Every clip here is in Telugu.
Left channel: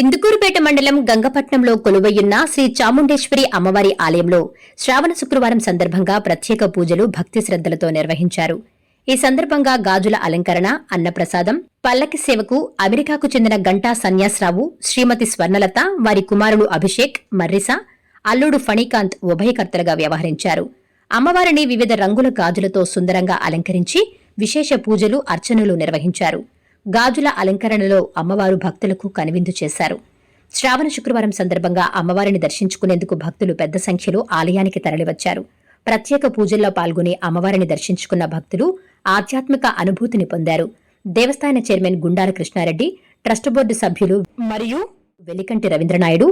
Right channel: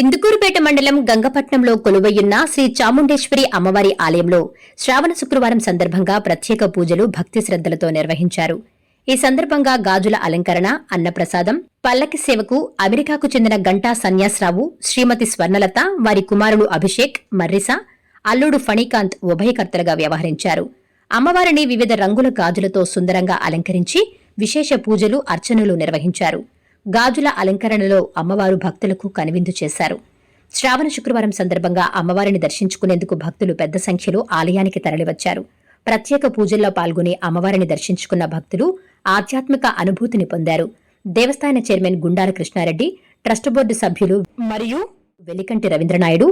ఇందుకూరుపేట మండలం గంగపట్నంలో కొలువయ్యున్న శ్రీ చాముండేశ్వరి అమ్మవారి ఆలయంలో శ్రావణ శుక్రవారం సందర్భంగా ప్రత్యేక పూజలు భక్తి శ్రద్దలతో నిర్వహించారు. ఈ సందర్భంగా గాజుల అలంకరణ, అన్నప్రసాదం, పల్లకి సేవకు అమెరికాకు చెందిన గంటా సన్యాసరావు, శ్రీమతి స్వర్ణలత, వారి కుమారుడు అభిషేక్, మర్రిసా, అల్లుడు ఫణీకాంత్ ఉభయకర్తలుగా వ్యవహరించారు. అమ్మవారిని వివిధ రంగుల గాజులతో సుందరంగా అలంకరించి విశేష పూజలు, అర్చనలు నిర్వహించారు. గాజుల అలంకరణలో అమ్మవారు భక్తులకు కనువిందు చేశారు. శ్రావణ శుక్రవారం సందర్భంగా అమ్మవారిని దర్శించుకునేందుకు భక్తులు పెద్ద సంఖ్యలో ఆలయానికి తరలివచ్చారు. ప్రత్యేక పూజల్లో పాల్గొని అమ్మవారిని దర్శించుకున్న భక్తులు ఆధ్యాత్మిక అనుభూతిని పొందారు. దేవస్థాన chairman Gundala Krishnareddy, trust board సభ్యులు మరియు వెలికంటి రవీంద్రనాయుడు,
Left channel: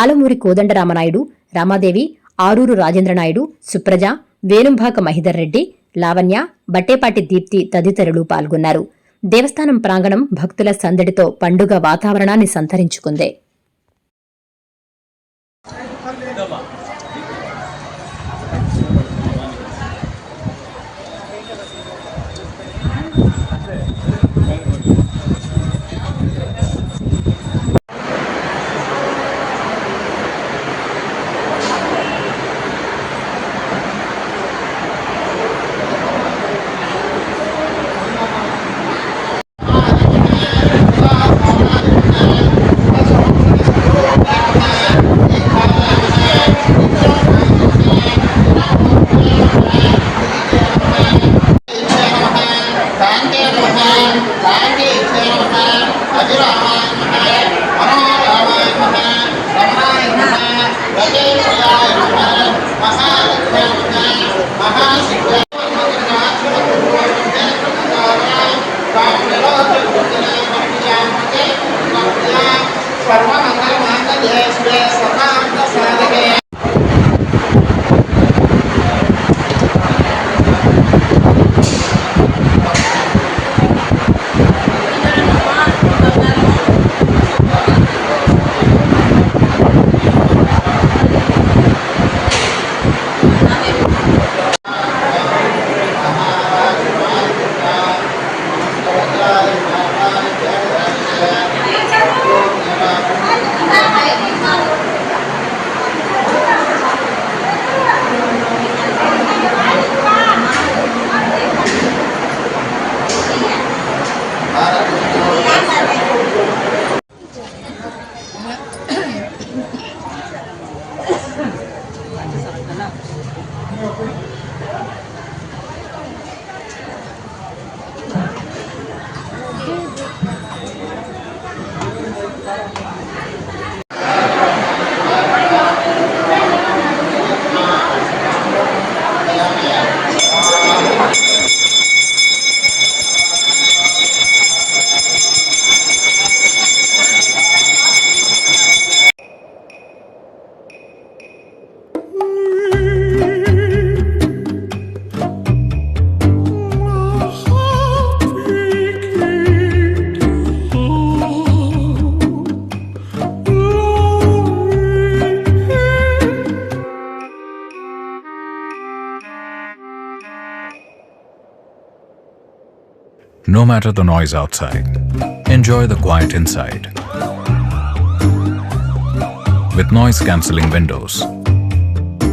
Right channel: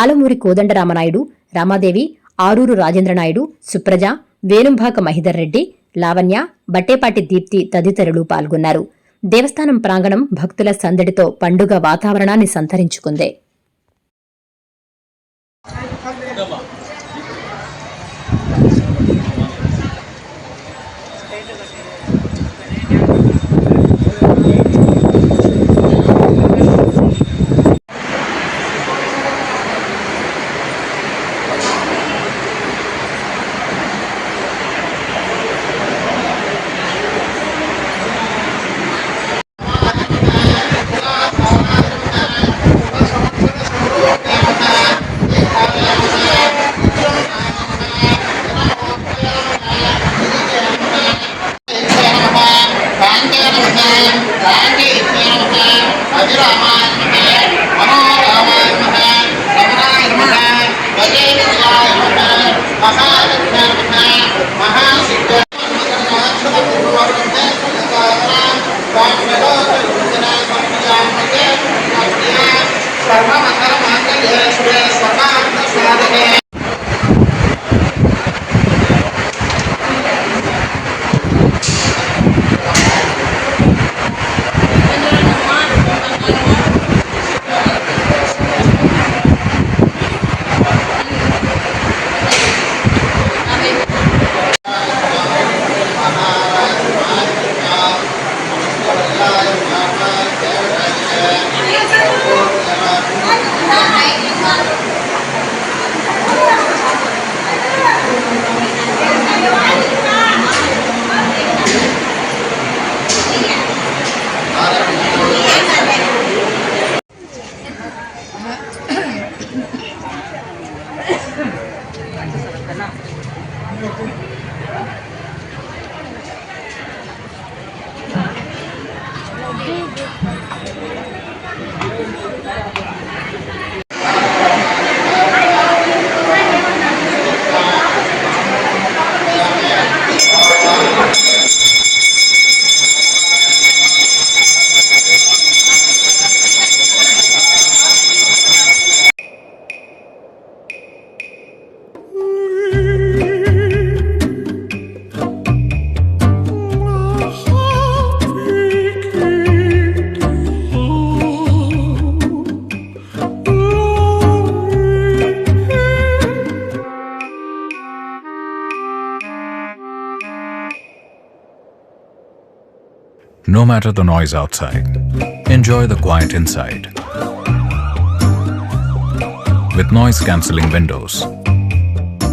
ఆలమూరి కోదండరామనాయుడు, రామాదేవి, ఆరూరు రాజేంద్రనాయుడు, సుప్రజ, వేణుంభాక మహిధర్ రెడ్డి, లావణ్య, బట్టేపాటి దీప్తి తదితరులు పాల్గొన్నారు. దేవస్థానం ప్రాంగణం భక్తుల సందడితో పండుగ వాతావరణాన్ని సంతరించుకుంది. No matter the noise outside, enjoy the quiet inside. With noise-cancelling windows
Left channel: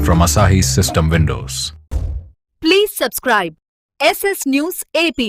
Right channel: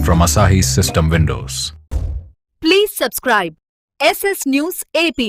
from Asahi System Windows. Please subscribe SS News AP.